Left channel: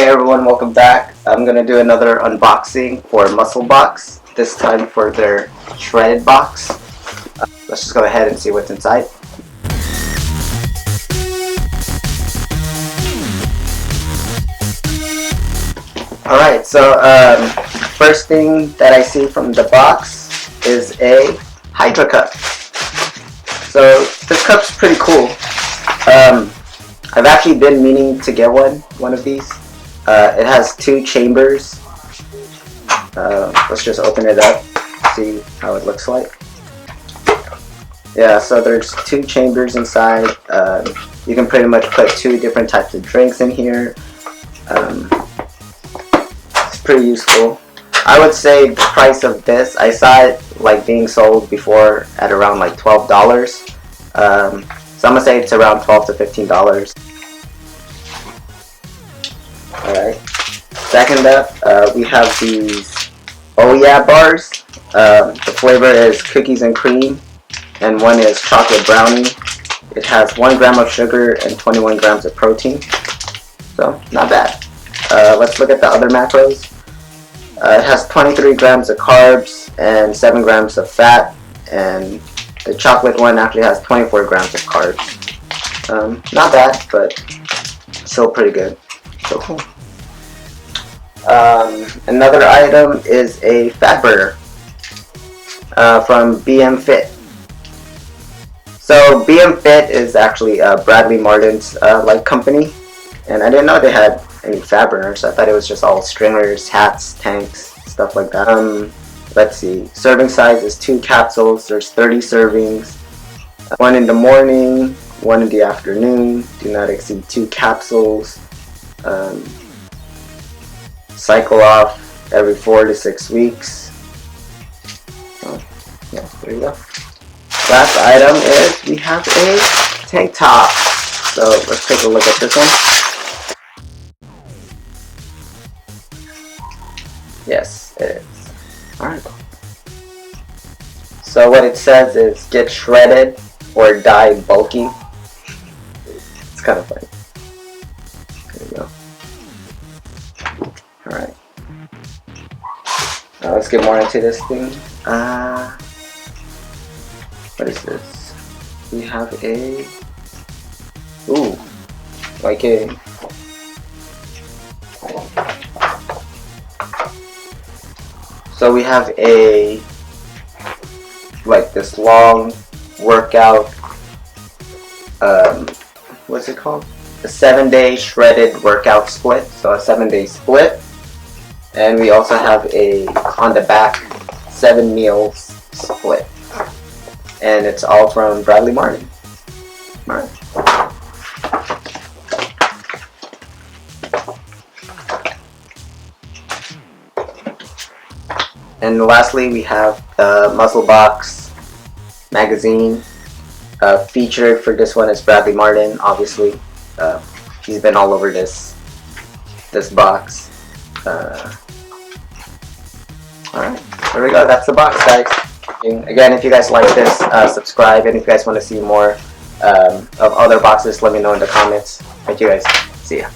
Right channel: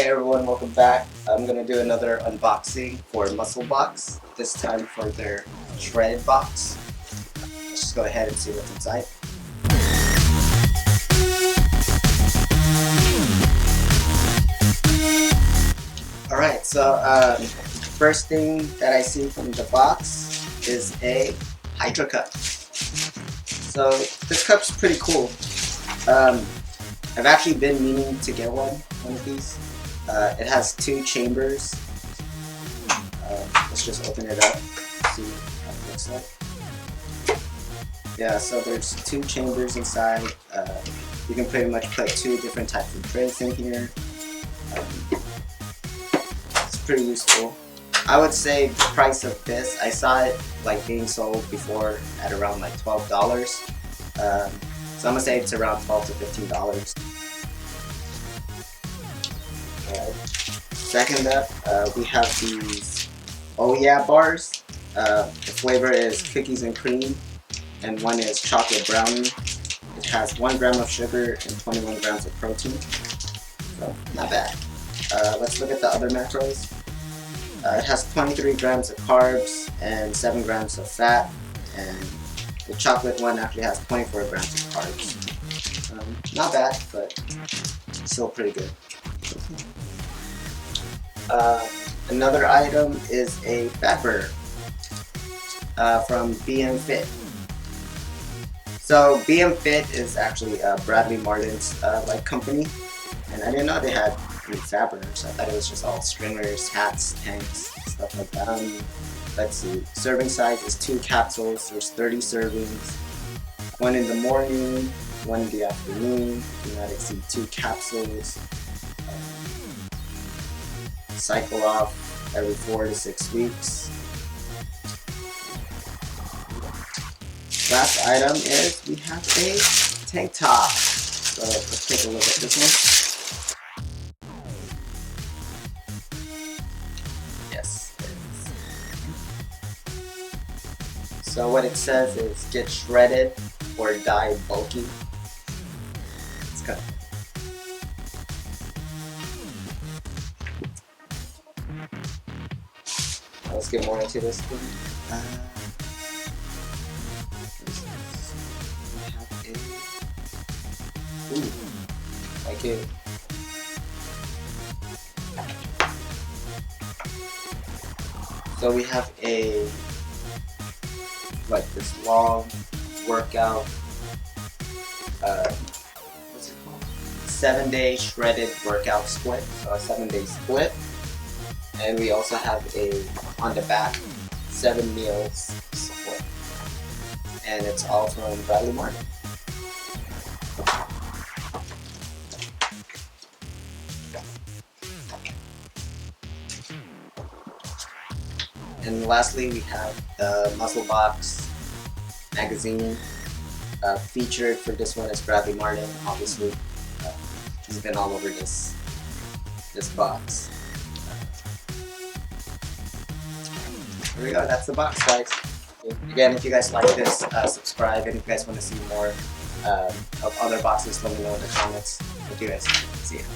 Hey everyone, welcome back. I'm gonna do another unboxing for Musclebox, this time for their shredded box. Let's just go ahead and see what's inside. Alright, so first thing that I see from the box is a Hydra Cup. So this cup's pretty cool. I've actually been meaning to get one of these. It has two chambers. Let's just open it up, see how it looks like. Yeah, so there's two chambers inside. You can pretty much put two different types of drinks in here. It's pretty useful. I would say the price of this, I saw it like being sold before at around like $12. So I'm gonna say it's around $12 to $15. Alright. Second up, we have these Oh Yea Bars. The flavor is cookies and cream, and one is chocolate brownie. It has 1 gram of sugar and 21 grams of protein. So, not bad. Let's look at the other macros. It has 23 grams of carbs and 7 grams of fat, and the chocolate one actually has 24 grams of carbs. Not bad, but still pretty good. So cool. Another item is a Fatburger from BMFIT. So BMFIT is actually Bradley Martin's like company, and I didn't know they had any Fatburners, so I thought it was just all stringers, hats, tanks, stuff like that. Let's see, serving size is 2 capsules. There's 30 servings, 1 in the morning, 1 in the afternoon. Do not exceed 2 capsules. Cycle off every 4 to 6 weeks. Yeah, there you go. Last item is we have a tank top. So let's take a look at this one. Yes, it is. Alright. So what it says is get shredded or die bulky. It's kind of funny. There you go. Alright. Now let's get more into this thing. What is this? We have a... Ooh. Like a... So we have a... like this long workout... what's it called? A 7-day shredded workout split. So a 7-day split. And we also have a, on the back, 7 meals split. And it's all from Bradley Martin. Alright. And lastly, we have the Musclebox magazine. Featured for this one is Bradley Martin, obviously. He's been all over this box. Alright, there we go. That's the box, guys. And again, if you guys like this, subscribe. And if you guys want to see more of other boxes, let me know in the comments. Thank you guys. See ya.